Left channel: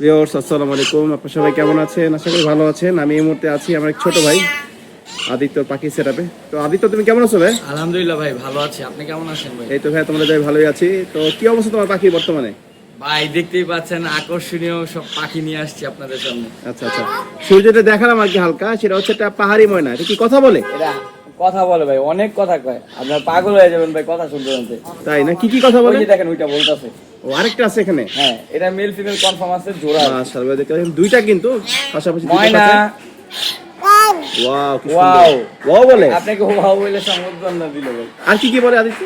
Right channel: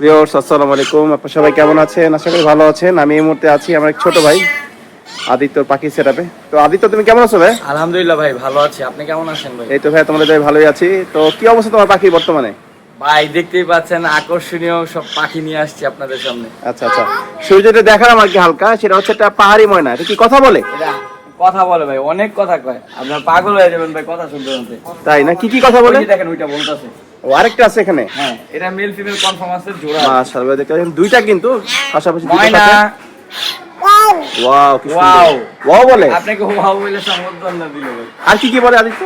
Viewers আসসালামু আলাইকুম। আপনারা সবাই কেমন আছেন? আশা করি ভালো আছেন। আমি এই মুহূর্তে আছি আমার এক ছোট ভাই আদিত্যর পাখি সেটাপে তো আদিত্য তুমি কেমন আছো ভাই? আলহামদুলিল্লাহ ভাই ভালো আছি। আপনি কেমন আছেন ভাই? এই তো ভাই তোমাদের ভাই ভালোই আছি। তো কি অবস্থা তোমার পাখি বর্তমানে? ভাই দেখতেই পাচ্ছেন আকর্ষণীয় সব পাখি নিয়ে আসছি আপনাদের সামনে। আচ্ছা আচ্ছা। শুরু যেটা দেখালাম আর কি হালকা সেটা হচ্ছে একটা পাহাড়ি ময়না। এটা কি কথা বলে? কথা বলে ভাই অনেক কথা কয়। আপনার পাগল হয়ে যাবেন ভাই কথা শুনতে শুনতে। তাই না? কি কি কথা বলে? দেখেন ওইটা বলতেছে। ও আরেকটা আছে এখানে। হ্যাঁ এটা মেল ফিমেল কনফার্ম আছে জোড়া মাশাআল্লাহ দেখতে পাচ্ছেন দুইটা কিন্তু পাশাপাশি দুটো ময়না। সাথে ওয়াও কি সুন্দর। ওয়াও। বলে? আপনাকে ওয়াও বলে সম্বোধন দিল। আর কি কি বলে আদিত্য?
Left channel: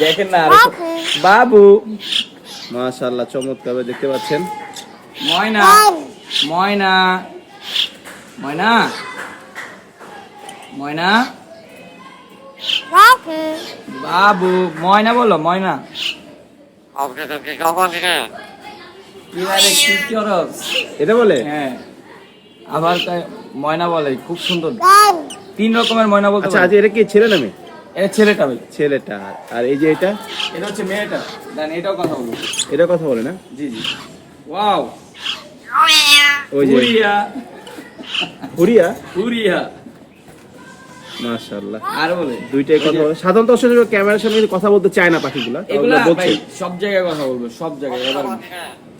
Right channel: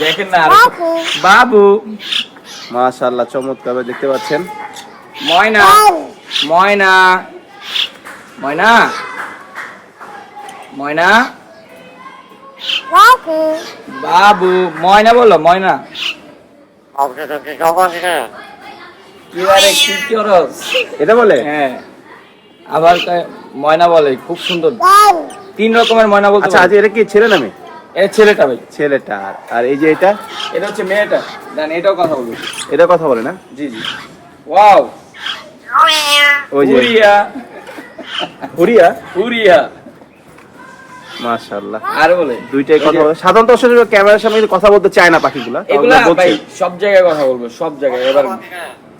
দেখেন না বাবু। মাশাআল্লাহ চমৎকার দেখতে পাচ্ছেন। ময়না। ময়না। ময়না। ময়না। বাবু। ময়না বলো ময়না। কি বারে কি করস? এটা বলে? হ্যাঁ। আবার ময়না বলে খুব সুন্দর। তিন রকমের ময়না বলতে আচ্ছা আজ এটা কি ছেলে নামে? এ ছেলেটা ভাই। ছেলেটা। আর এই যে এটা? এটা হচ্ছে মেয়েটা। দেন এটাও কথা বলব। এটা কথা বলে না? জি জি। ওয়াও। ওই যে। উড়িয়া হুরিয়া? উড়িয়া মাশাআল্লাহ। আর বলে। দুইটাই কথা বলে। সাধারণত আসলে ক্যামেরার সামনে কথা বলতে চায় না পাখিগুলা এগুলা ভাই সব জায়গায় কথা বলব সব জায়গায়। এবার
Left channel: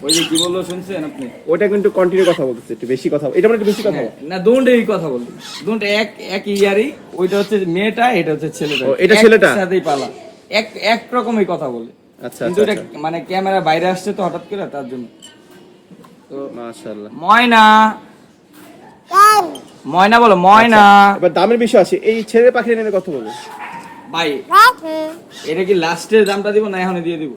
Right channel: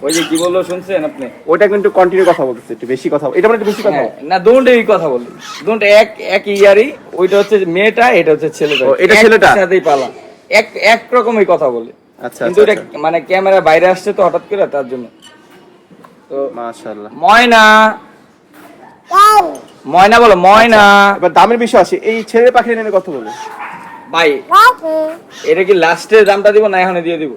ওই যে কি বলল শুনছেন আপনি? ওইটা কিন্তু কন্টিনিউ কথা বলতেছে একটু বেশি কথা এটা মানে একটু বেশি কথা হ্যাঁ, না দুটোই কথা বলব দুটো এক এক ইয়ারই ওইটা হচ্ছে মেয়েটা এটা হচ্ছে ছেলেটা। ও, এটা ছেলেটা? সাথেই পালা। এক এক রকমই কথা বলে। আচ্ছা কিন্তু আচ্ছা এটা মানে ক্যামেরা বাইরে আসছে তো হঠাৎ করে তার জন্য। তো মাশাআল্লাহ। ময়না। ময়না বলো ময়না। এবার দামের বিষয় আছে এই ছেলে পাখি নিয়ে কথা বলো। ভাই এটা কি লাস্টের দামটা দিব না এখানে দিয়ে দিব?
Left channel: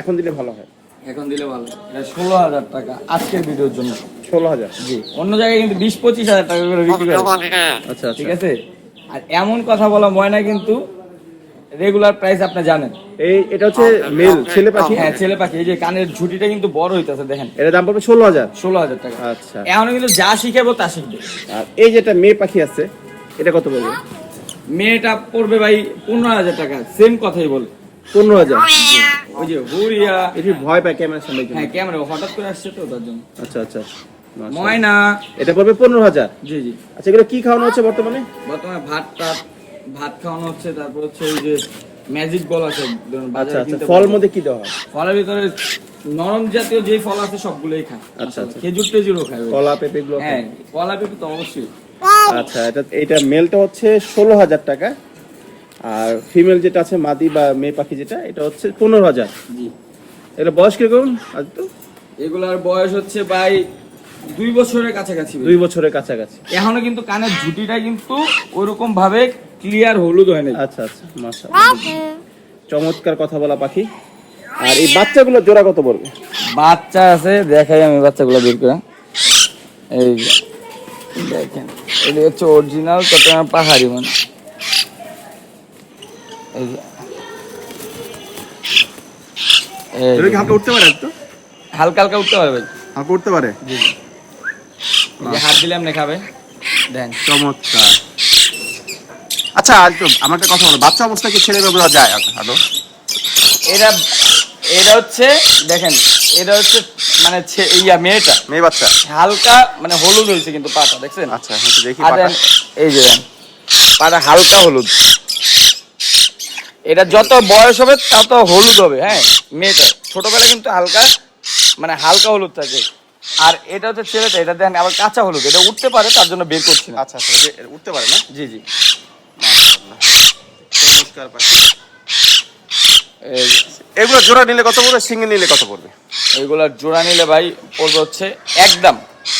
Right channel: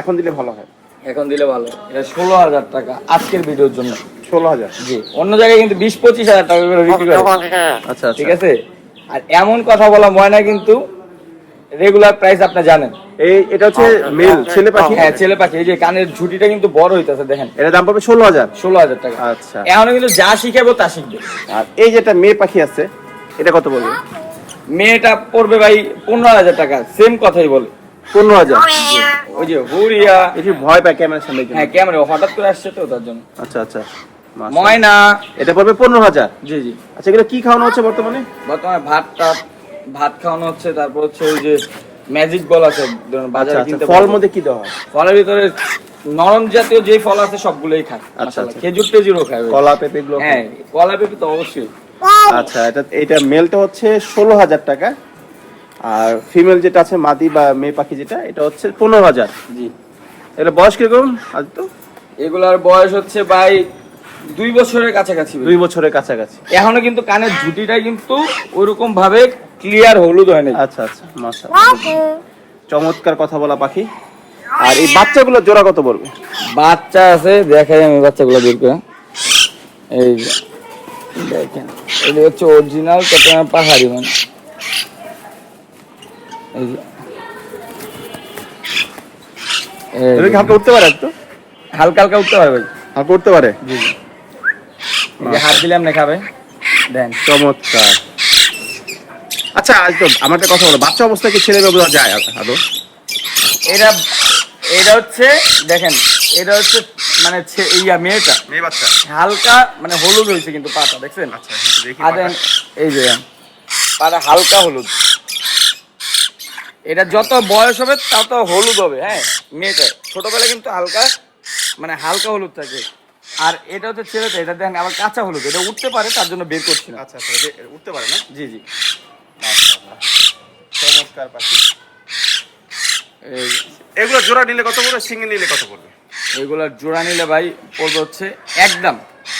এখন দিলে ভালো হয়। এখন দিলে ভালো। এটা ষোলো হাজার টাকা আজকের ভিডিওর জন্য। ষোলো হাজার? জি অন্য জায়গায় কিন্তু বিশ পঁচিশ হাজার টাকা করে বিক্রি করে আচ্ছা ঠিক আচ্ছা আছে? আর এমন কথা বলা ময়না কিন্তু রেগুলার প্রাইস আপনি জানেন। এই এটা হচ্ছে মেল ছেলে পাখি? হ্যাঁ ছেলে পাখি। এই যে কানের ঝুটিটা কিন্তু বড় হইতাছে দেখেন। এটা দাম পড়বে ষোলো হাজার। ষোলো হাজার টাকা। আচ্ছা। এখন কিন্তু যা শিখাবো তা শিখবে। আর এই যে একটা মেয়ে পাখি আছে এটা কত বলবে মেয়েটা পড়বে ভাই পনেরো হাজার টাকা। সেম কথাই বলে। পনেরো হাজার। ওই যে হুরিয়া। এটি ভয় পায় ক্যামেরার সামনে হ্যাঁ ক্যামেরা হঠাৎ করে আসছে তো তার জন্য। আচ্ছা আচ্ছা। ময়না। এটা পড়বে পনেরো হাজার। জি জি। আচ্ছা এগুলো কি খাওয়ানো হচ্ছে বর্তমানে? বর্তমানে ভাত টাত ভাত খাওয়ানো হচ্ছে তারপর হচ্ছে ওই যে ম্যাজিক বল আছে আচ্ছা বাজারে আচ্ছা কিনতে ফল মধ্যে কি দেওয়া হয়? ফলের ভিতরে নরম জাতীয় যে ফল আছে সবগুলোই খায়। আচ্ছা, আচ্ছা। খেজুর টেজুরও খায়। কলা পেঁপে গুলো হ্যাঁ কলা পেঁপে তো অবশ্যই। আচ্ছা এটা এটা মেলটা হচ্ছে ষোলো হাজার টাকা আর ফিমেল যেটা আছে মাদি বা মেয়ে পাখি যেটা এটা হচ্ছে পনেরো হাজার। জি। এটা বয়স কীরকম আজ তো এগুলার বয়স হচ্ছে ভাই দুই বছরের কাছাকাছি। দুই বছরের কাছাকাছি। এখনও কিন্তু কানের ঝুটিটা কিন্তু ওরকম ভাবে ক্লিয়ার হলুদ হয় নাই। আচ্ছা আচ্ছা মাশা চমৎকার কথা বলা পাখি। আর এই বাচ্চাগুলো জোড়া কত বলব বাচ্চা আছে দেখাই আমি বাচ্চাগুলো বের করে। এই দেখেন এটা হচ্ছে অরিজিনাল চট্টগ্রাম পাহাড়ি মানে। এই যে এই এটা কি যে, হালকা উঠতে পারে একটু? হালকা হালকা উঠতে পারবে। হালকা উঠতে পারে? জি জি। এই যে হাত দিলে আপনি খাবে দেন। চমৎকার। আচ্ছা তো আমার একটা কথা বলো বাচ্চা অবস্থায় কি ছেলে মেয়ে বোঝা যায় আদৌ? এটা এটা হচ্ছে দেখেন এটা হচ্ছে মানে ইয়া মেয়েটা মেয়ে বাচ্চা? হালকা মানে হলুদ হয়েছে কিন্তু পাটা দেখছেন? আচ্ছা একটু দেখি এই যে পাটা হালকা হলুদ। এটা যত বয়স হবে তত হলুদ হবে হ্যাঁ মেয়েটা। ছোটবেলায় কিন্তু হালকা মানে হালকা হলুদ থাকে। আর এটা হচ্ছে ছেলেটা এটা দেন আবার কাঁচা হলুদ এটা উঠতে পারে তার জন্য বের করছি আচ্ছা আচ্ছা উঠতে পারে না? জি জি। চমৎকার পাখি। এগুলো জোড়া নিলে কত পড়বে সিঙ্গেল নিলে কত পড়বে? এইগুলার জোড়া নিলে ভাই পড়বে হচ্ছে একদম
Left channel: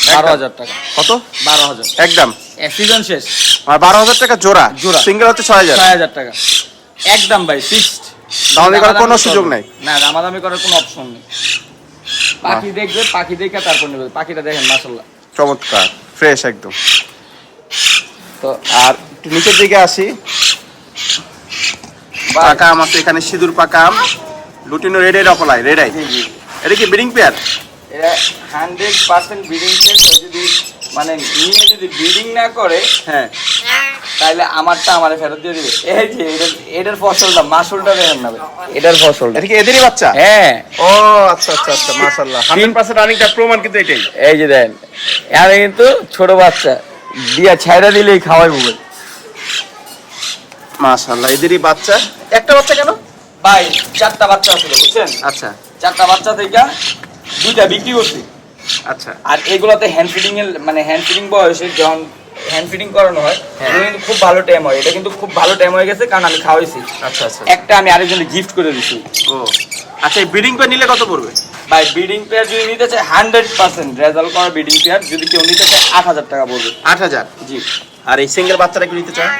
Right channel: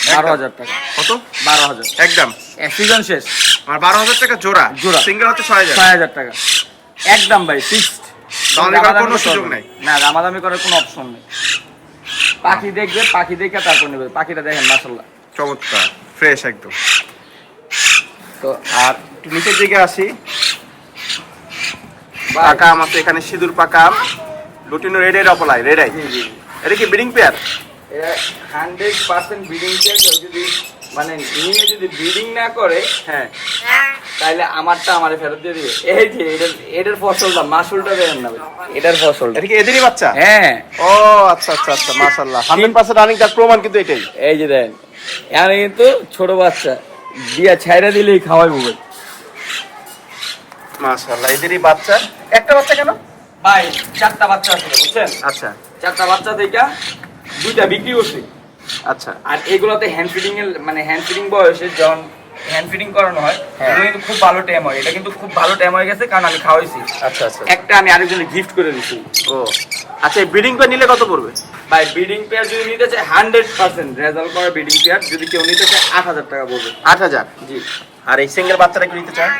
বারো হাজার টাকা। কত? বারো হাজার। একদম। সিজন শেষ। আর বারো হাজার টাকা জোড়া? জোড়া। সিঙ্গেল হচ্ছে ছয় হাজার? ছয় হাজার টাকা। একদম ভাই ফিক্সড দামাদামি করার কোনো সুযোগ নাই। না দামাদামি করার কোনো অপশন নেই। পাখি দেখবে পাখি দেখে তারপর নেবে। পাখিটা দেখেন মাসাল্লাহ চমৎকার। ফ্রেশ একদম। তো আর নিচের দিকে আসি। পাকা আম আছে এখানে সিঁদুর পাকা আম লুটিনো রেড এর অপলাই রেডাই এটা কি breeding pair hundred percent breeding যদি মানে নিয়ে যদি ব্রিডিং না করে হ্যাঁ। তাইলে আমারটা আমারে ফেরত দিয়ে দিবে। এই যে এটার এটার ফসলটা মাসুলটা দেখেন না এটার ফসল। এটা কি এদেরই বাচ্চা? হ্যাঁ। ও আচ্ছা আচ্ছা আচ্ছা মাশাআল্লাহ। 100% রানিং তার প্রমাণ কিন্তু এটাই। এই যে দেখেন এখানে কিন্তু ছোট বাচ্চা। দিয়া ছাইরা দিলেই খাওয়াই ভাই। মাশাআল্লাহ এদেরই বাচ্চা? একটা বাচ্চা কেন? ভাই চারটা বাচ্চা ছিল বুঝছেন? আচ্ছা। চারটা বাচ্চা থেকে দুইটা বিক্রি করছি। আচ্ছা। আর এগুলোতে হ্যান্ড ফিডিং এর মানে হ্যান্ড ফিডিং বয়সে যখন হ্যান্ড ফিডিং করানো হয় হ্যাঁ। খুব ভালো টাইম হয়। এটা কিন্তু খুব ভালো টাইম হয়ে গেছে কারণ আমি খাওয়াইছি। আচ্ছা আচ্ছা। একটা আমি আরেকজনকে গিফট করে দিছি। ও। আচ্ছা এই ব্রিডিং করে নিলে কত পড়বে? ভাই বিডিং পেয়ার যদি নিতে চায় হান্ড্রেড পার্সেন্ট রেজাল্ট করা বিডিং পেয়ার যদি কেউ নিতে চায় আট হাজার টাকা পড়বে। আট হাজার? জি। আর এই সিঙ্গেল বাচ্চাটা কি নিতে চায়?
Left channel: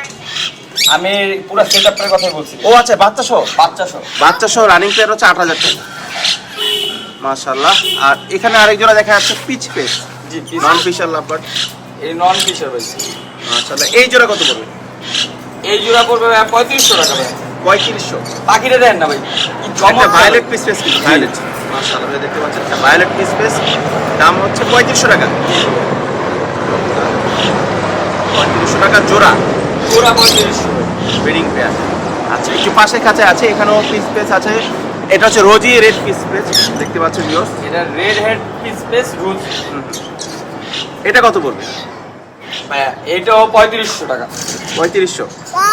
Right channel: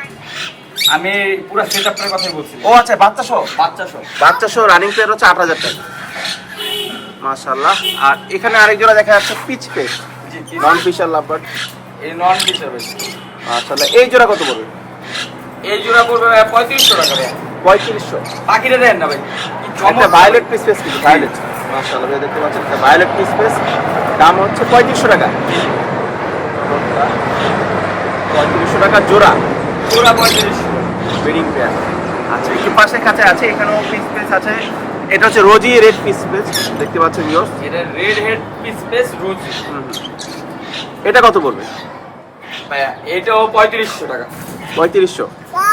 আমি পুরো সেট আপটার কথাই বলছি। ও আচ্ছা বাচ্চা সহ? বাচ্চা সহ। বাচ্চা সহ রানিং প্লেয়ার হচ্ছে আট হাজার টাকা। মাশাল্লাহ আর এখানে আরেক জোড়া দেখা যাচ্ছে পিচ পেস জি নন ফিশার লাভবার্ড এই নন ফিশার ভাই। মাশাল্লাহ এই জোড়া কত পড়বে? এই জোড়া পড়বে পঁয়ত্রিশশো টাকা ভাই। পঁয়ত্রিশশো। পাখিটা দেন না ভাই। কি ভায়োলেট পিস পেস কিন্তু ভায়োলেট মাশাআল্লাহ ভাই দেখতে পাচ্ছেন? ভায়োলেট পিস পেস দাম হচ্ছে পঁয়ত্রিশশো টাকা। পঁয়ত্রিশশো টাকা জোড়া। পুরা পঁয়ত্রিশশো ব্রিডিং পেয়ার আচ্ছা একটু পাশে কাছে আছে এখানেও পিস পেস আছে। এটা হচ্ছে রোজি রেড পিস পেস দেখতে পাচ্ছেন ভিউয়ার্স এটা red head piece pace rouge এটা কত পড়বে? এটাও পঁয়ত্রিশশো টাকা। পঁয়ত্রিশশো।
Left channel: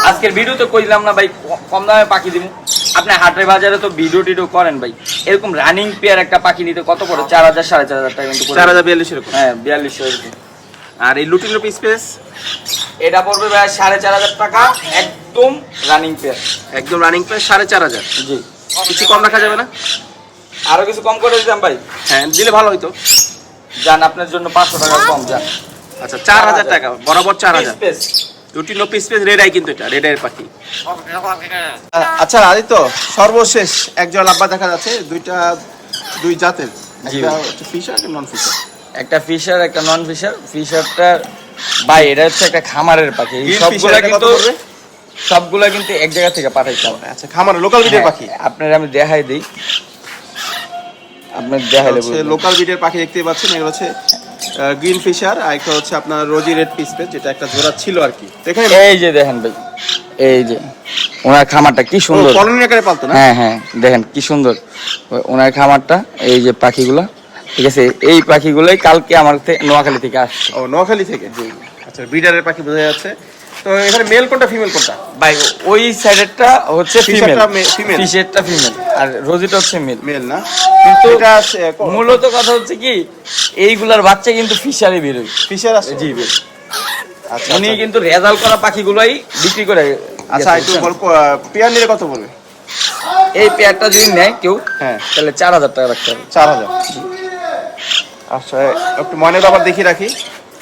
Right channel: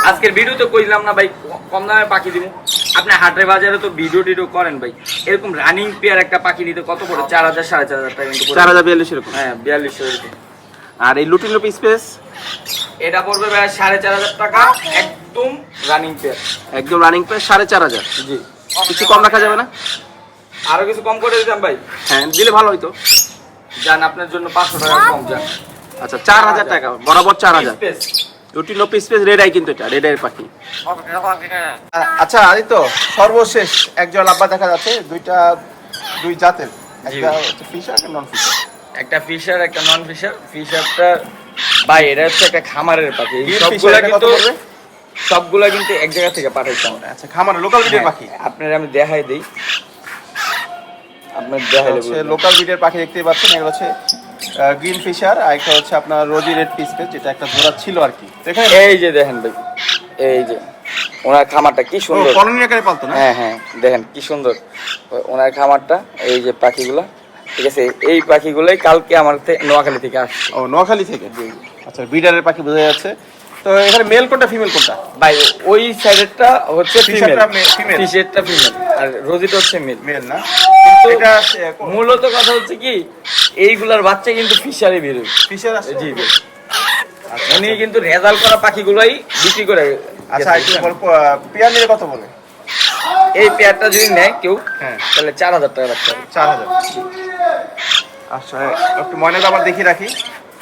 আজকের ভিডিওতে কইলাম না ভাই কম দামে পাখি দিন আপনি হাটের বাজারে তো ভিডিও টিডিও করেন ভাই। এরকম রানিং পেয়ার একটা পাখি নিতে কত পড়ে? চার হাজার সাড়ে চার হাজার টাকা কিন্তু চার হাজার বিয়াল্লিশ এরকম হ্যাঁ বিয়াল্লিশশো এরকম আর এই লুটিনো পিস পেস এটা পড়বে ভাই সাড়ে চার হাজার টাকা একদম রানিং পেয়ার একদম রানিং প্রাইস সাড়ে চার হাজার। জি। কিছু কম রাখা যাবে না? আরও কিছু কম করে দিতাম ভাই। হ্যাঁ দিলে ভালো হইতো। যান আপনার জন্য পাঁচশো টাকা কম যান। আচ্ছা চার হাজার টাকা বরাবর চার হাজার। Space। Lutino peach face red eye কিন্তু এটা রেড আইয়ের পাখি। আচ্ছা আদিত্য সর্বশেষ একজন লাব্বা দেখা যাচ্ছে দুইটা দুই জাতের। একটা হচ্ছে ফিশার একটা নন ফিশার একটা ফিশার একটা নন ফিশার ফিশারটা ভাই এটা হচ্ছে একটা খামারের পাখি। কত সবগুলা কিন্তু এক জায়গা থেকে পাঠাইতে হবে আচ্ছা খামার লোকাল বিডের পাখি? আপনার আমি দেখাই দিই। হচ্ছে লোকাল বিডের পাখি দেখতে পাচ্ছেন। এগুলো হচ্ছে গ্রিন ফিশার আর একটা হচ্ছে আপনার রোজি রেড পিস পেস যেটা একটা জোড়া ছিল আর কি। তো এখানে এই যে দেখেন ভাই এই যে ওনার খামারটা কি ও সুন্দর। কলোনি আকারে পালতো না? হ্যাঁ হ্যাঁ দেখেন কি সুন্দর। ওনার খামারটা এই যে পাখিগুলো। ঠিক আছে এই পাখিগুলোই কালকে আমার নোয়াখালী থেকে আসছে। ও নোয়াখালী থেকে? আচ্ছা বিডারের পাখি বোঝা যাচ্ছে। তো এখানে মেল কোনটা ফিমেল কোনটা? ভাই ওই সাইডেরটা হচ্ছে ফিশারটা ফিমেল ফিশেরটা ফিমেল আর রোজিটা হচ্ছে মেল মেল না? এটা মূলত কথা হচ্ছে কি এইগুলার বাচ্চা কিন্তু ফিশারি বেরোবে ফিশার আছে? জি আচ্ছা উনি আচ্ছা। কিন্তু রেজাল্ট করা পাখিগুলোই বিক্রি করে আচ্ছা একটু গল্প পেয়ার নিলে কত বলবে এই পেয়ারটা যদি নেয় কেউ হ্যাঁ। তাহলে চার হাজার টাকা রাখতে হবে। চার হাজার। আচ্ছা একটু ময়নার আবার দেখি রাখি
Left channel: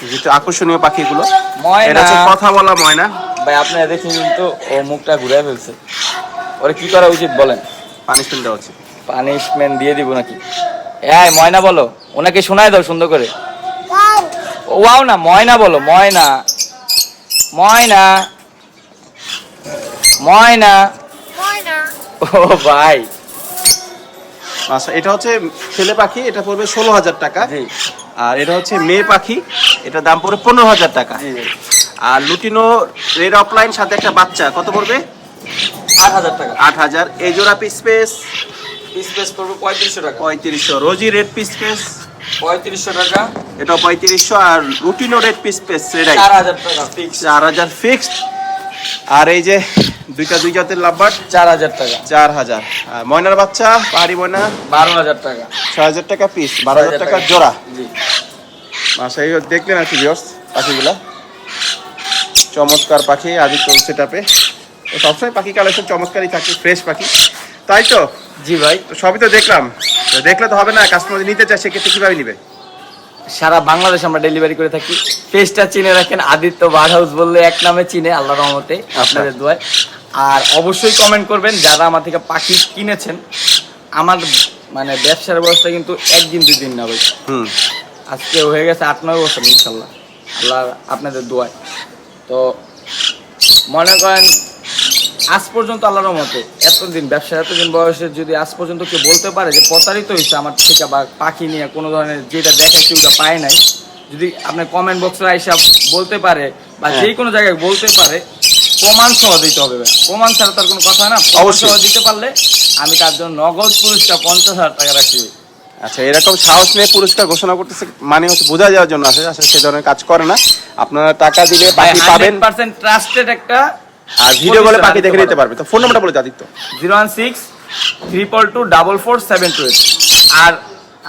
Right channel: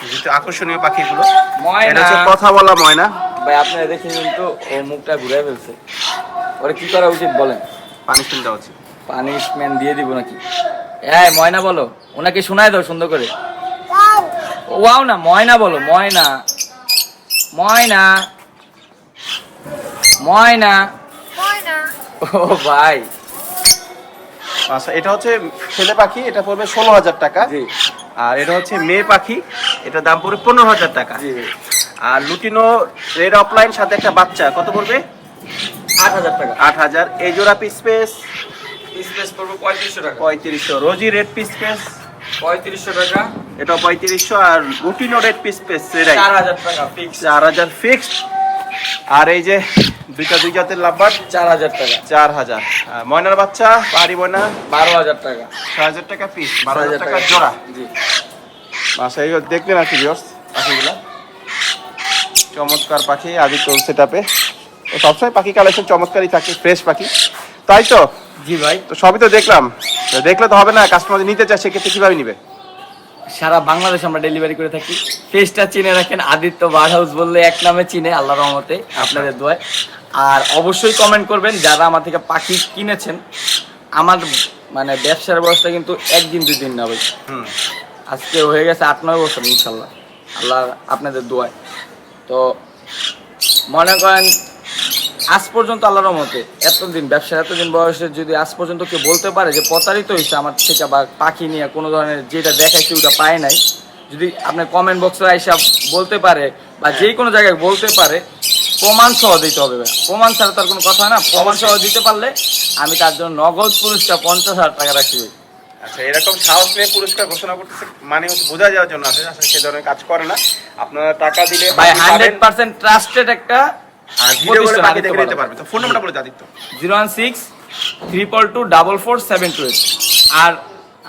যেহেতু আকর্ষণীয় পাখিগুলো। ময়না। এটা হচ্ছে কথা বলা ময়না। ভাই আপনারা দেখি কিন্তু ও মুখটা ঘুরে ফেলছে। ওরে কি করা উচিত বলেন? পানিশমেন্ট দেওয়া উচিত। পানিশমেন্ট দিয়ে দিব নাকি? এই ময়না বলো। ওনাকে শোনায় দাও সুন্দর করে। ওয়াও না ময়না বলো ময়না। ময়না। ময়না। ও ভাই। আচ্ছা এটা হচ্ছে ছেলে পাখি এটা পড়বে ষোলো হাজার টাকা। আর এটা হচ্ছে মেয়ে পাখি এটা দাম পড়বে পনেরো হাজার টাকা। আর লুটিনো রেড অফলাইন সাথে একটা বাচ্চা কত পড়বে? আট হাজার টাকা। আট হাজার। এই জোড়া পিস পেস পিস পেস করবে পঁয়ত্রিশশো টাকা। পঁয়ত্রিশশো। রোজি রেড পিস পেস পঁয়ত্রিশশো টাকা। এটা পঁয়ত্রিশশো। আর lutino red peach face red eye চার হাজার টাকা ফিক্স চার হাজার ফিক্সড আর এই যে দুইটা দুই জাতের লাভবার চার হাজার টাকা। চার হাজার। ময়নার বাচ্চা পাহাড়ি ময়না? বারো হাজার টাকা। ছয় হাজার টাকা পিস বারো হাজার টাকা জোড়া। জি। আচ্ছা এই দেখলেন আর কি পাখিগুলা। চমৎকার পাখি আদিত্য সেট আপে সবসময় পাখি কালেকশন চমৎকারই থাকে ফ্রেশ পাখি। তাই তো? জি ভাই। সবই তো দেখলাম। দেখলে তো হবে না কাস্টমার নিতে চায় সেক্ষেত্রে কীভাবে নিবে? সারা বাংলাদেশ আমরা ডেলিভারি করে থাকি। পেজটা চিনে রাখেন আদিত্য বার হাউস বললে এক নামে চিনে আল্লাহ রহমতে আপনাদের দোয়ায়। আর অবশ্যই কমেন্ট করবেন যারা আমার থেকে পাখি কিনেছেন আমার মানে ব্যবসার বয়সটা কিন্তু একদিন দুই দিন না ভাই। হুম। আজকে হয়ে গেছে আট নয় বছর ইনশাল্লাহ। আল্লাহ আপনাদের দোয়ায়। তো মনে করেন আজ পর্যন্ত আল্লাহর মতে এতদিন ব্যবসা এতদিন বয়সে যদি আজ পর্যন্ত কেউ বলতে পারে যে প্রতারিত হয়েছে আমার থেকে বা পাখি নিয়ে কোনো ধরনের যেটা দেখাইছে ওটা পায় নাই যদি আপনার কমেন্ট বক্সে আইসা বলতে পারে বা যে কোনো জায়গায় বলতে পারে প্রমাণ সহ দিতে হবে। প্রমাণ ছাড়া তার কোনো কথা হয় না। প্রমাণ সহ দিতে পারলে আমি তার জন্য নগদ পুরস্কার পঞ্চাশ হাজার টাকা ভাই। আচ্ছা এরকম সাহস নিয়ে পুরস্কার ঘোষণা করতেছে মানে হচ্ছে বোঝা যাওয়ার জন্য আসলে আসলে সেই ধরনের কাজ করে না। আপনারা টাকা দিলে ভাই হান্ড্রেড পার্সেন্ট ট্রাস্টেড একটা আর ভিডিও বলে প্রতিষ্ঠান পাখি দেখে আদিত্য নিতে পারবে। তো ফোন নাম্বারটা বলে Aditya. Zero one six triple two double four seven two eight আর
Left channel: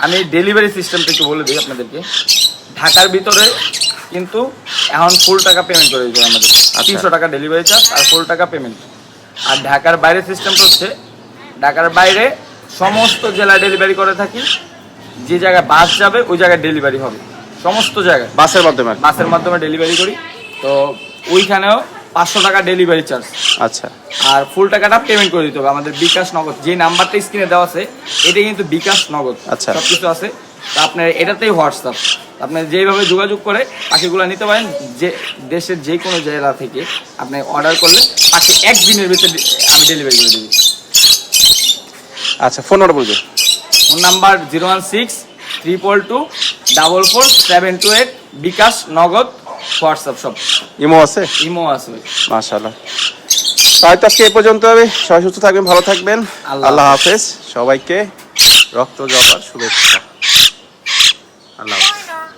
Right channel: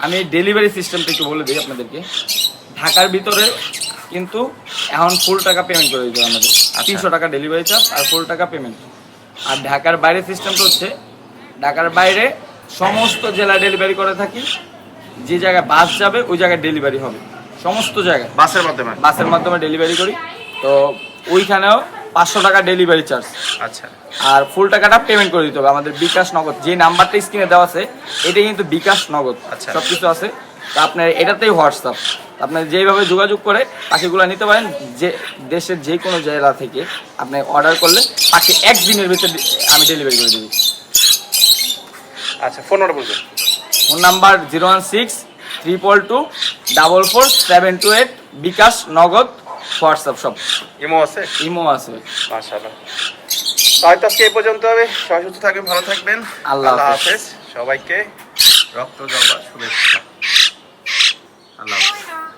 আমি ডেলিভারি সিস্টেমটা একটু বলে দিই আপনাদেরকে ঢাকার ভিতরে কিন্তু এখন ফুল টাকা পেমেন্ট করে দিতে আমাদের। তিনশো টাকা ডেলিভারি চার্জ আর ফুল টাকা পেমেন্ট আর ঢাকার বাইরে সিস্টেমটা হচ্ছে ঢাকার বাইরে সমস্ত জেলা ডেলিভারি করে থাকি। যে জায়গায় বাস যাবে ওই জায়গায় ডেলিভারি হবে। সমস্ত জায়গায়। বাসের মাধ্যমে বাসের মাধ্যমে ডেলিভারি করি। তো ওইখানেও পাঁচশো টাকা ডেলিভারি চার্জ আচ্ছা। আর ফুল টাকাটা পেমেন্ট করে দিতে হবে। আমাদের বিকাশ নগদ যে নাম্বারটা স্ক্রিনে দেওয়া আছে এটা কিন্তু বিকাশ নগদ। আচ্ছা। সবকিছু আছে। তা আপনার এটাতেই হোয়াটসঅ্যাপ। আপনার যেভাবে যোগাযোগ করে পাখিগুলো নিতে পারেন। যে দেশের যে কোনো জেলা থেকে আপনি অর্ডার করলে পাখি একদিনের ভিতরে আমি ডেলিভারি করে দেবো। আচ্ছা ফোন নাম্বার বলবে phone number zero one six triple two double four seven two eight bKash Nagad WhatsApp সব ইমো আছে? ইমো আছে। মাশাআল্লাহ হয়তো আজকে এ পর্যন্ত হবে। সবাই সুস্থ থাকবেন ভালো থাকবেন। আল্লাহ হাফেজ। সবাইকে রক্ত জপার শুভেচ্ছা। আল্লাহ হাফেজ।